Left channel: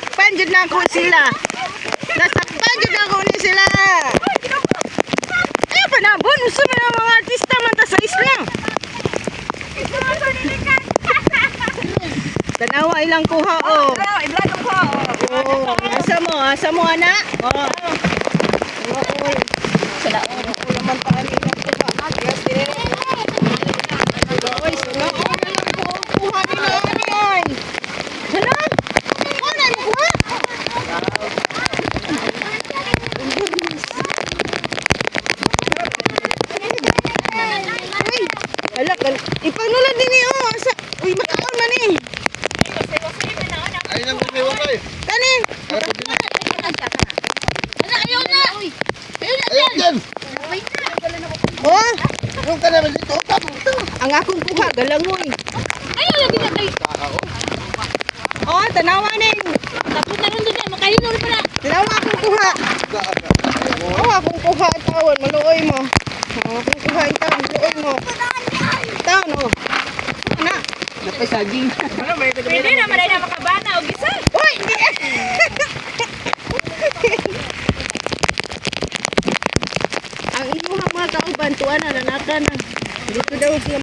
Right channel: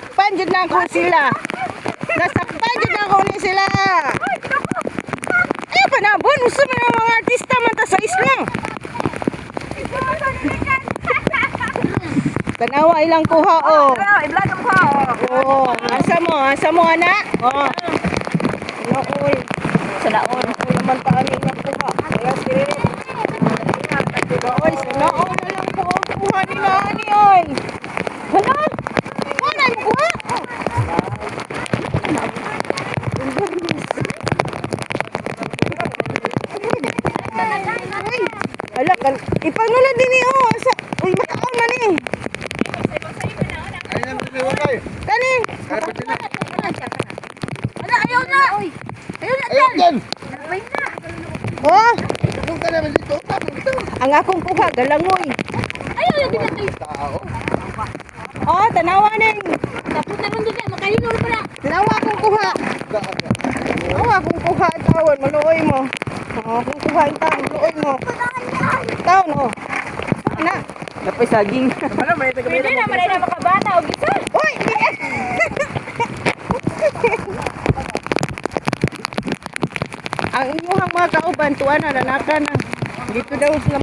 Nasakpan jud na ako sila. Nasakpan jud ako ni sila. Eh panabon usa man ang mga artista man ta sa isla. Tanawa ilang kuha oh. I-vlog ko. Oh, asa mo ana? Oh. Oy. Salaon. Ako naman paano ilang kuha. Kaya sige. Oy, salaon na lang ko kuha ni Nani oy. Hala? Ano na kuha? Uy, ala, ipanulad din eh, oh. Uy, makaon man eh. Ay nang kumiwalay. Kanin. Ala, ayaw na. Ayun yan. Oh, Yung ka naman dito. ang akong kuha, galangoy. Ayaw na din natin. Oh, tanawa ning. Tapos na rin doon. Makahinor pa na. Tanawa akong kuha. Oh, akong kuha ang tawon, maluoy mo. Oh, akong kuha ang tawon, maluoy mo. Tawon, oh. Ana. Dapat saging. Pwede na, maray na makabana. O gisa. Uy! Ang inyong mga kauban, tuwan na, nanaka na. Dito daw sila